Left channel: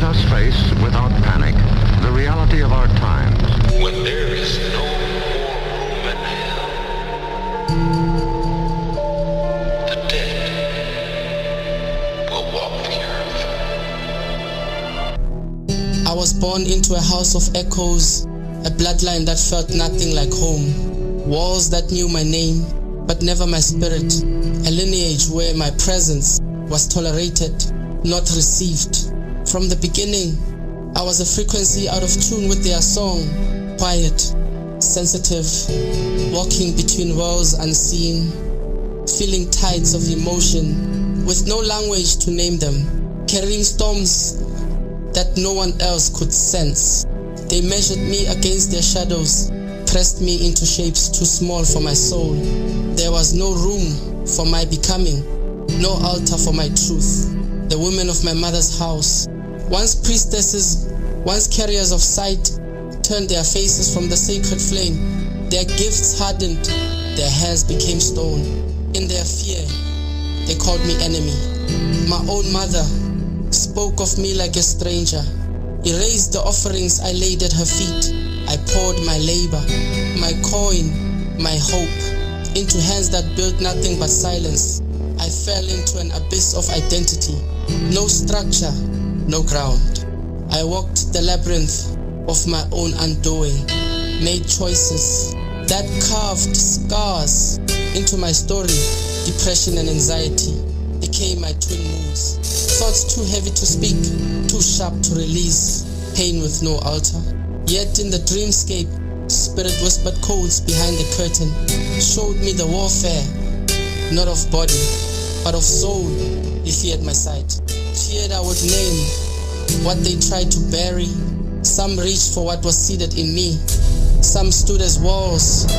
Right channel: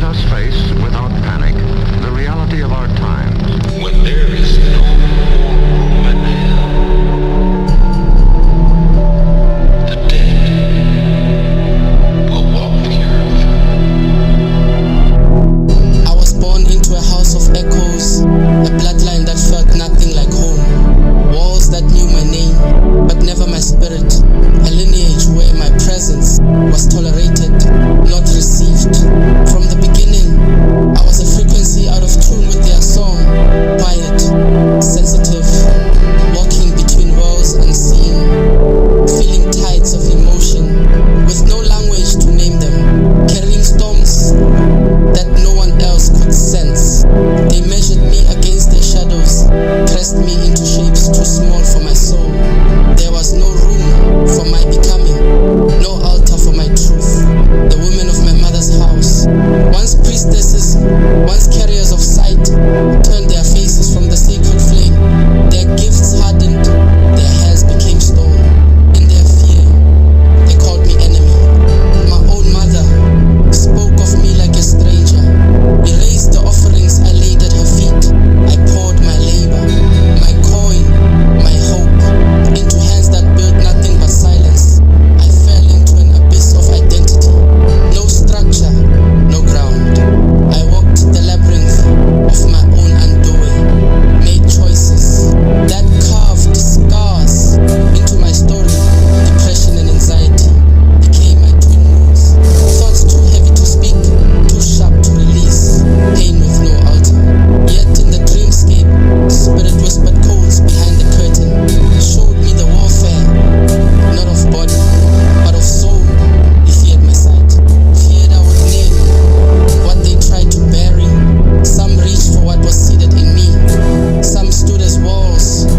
Let us face, without panic, the reality of our times. When there is no more room in hell, the dead will walk the earth. I was born into a house of echoes, a bloodline that felt nothing like home. Walls that knew my name, but never my spirit. A lineage where my presence was tolerated, not received. From the beginning, I was a frequency out of tune with their song. Quiet, sensitive, walking between worlds unseen, feeling tides of emotion, with no language to name them, carrying storms that no one else could sense. They measured me against their shadows, pressed me into shapes too small for my soul. There was no room for my becoming, no altar for my truth. The women of my mother's house, once priestesses, once carriers of sight, turned their faces from the sacred flame. Their gifts hardened, their hands became stone. In their fear, they called me enemy. My own mother spoke of me like a stranger, erased the offerings I laid at her feet. I poured my labor, my coin, my hope, into hands that built nothing but silence. I fell into an abyss of identity, no structure, no ground. I walked the labyrinth of my own undoing, made choices that carved scars into my story. Depression and anxiety became my twin moods. Thoughts too heavy to speak, too sharp to release, pain with no altar. Yet in the dreamscape, spirit whispered codes behind the curtain, showed me the warfare, not of body, but of soul. He feared my sight, feared I would name what they tried to bury. Some reached for what was seated in me, some stood as walls,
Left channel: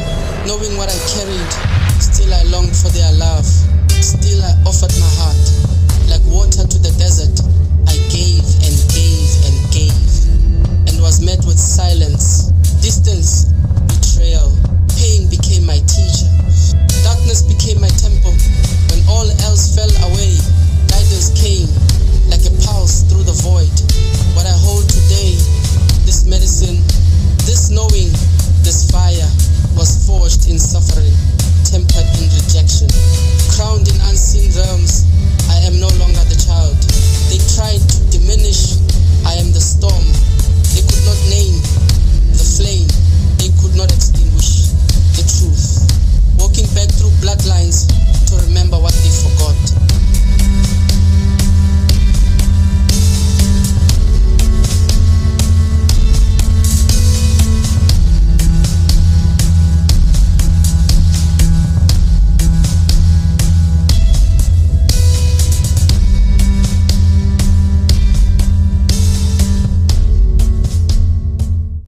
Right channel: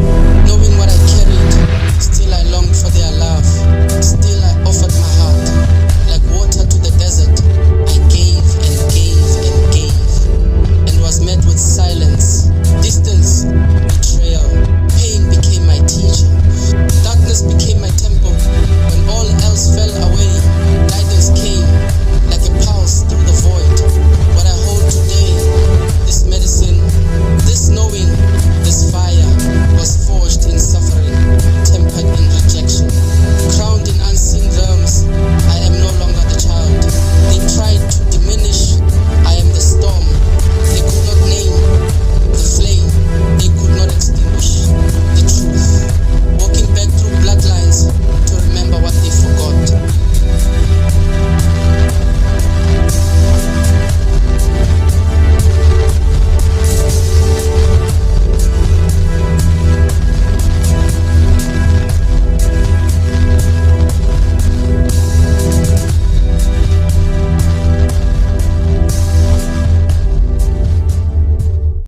knowing what I carried. Still I longed for their love, still I offered my heart. Like water to the desert, I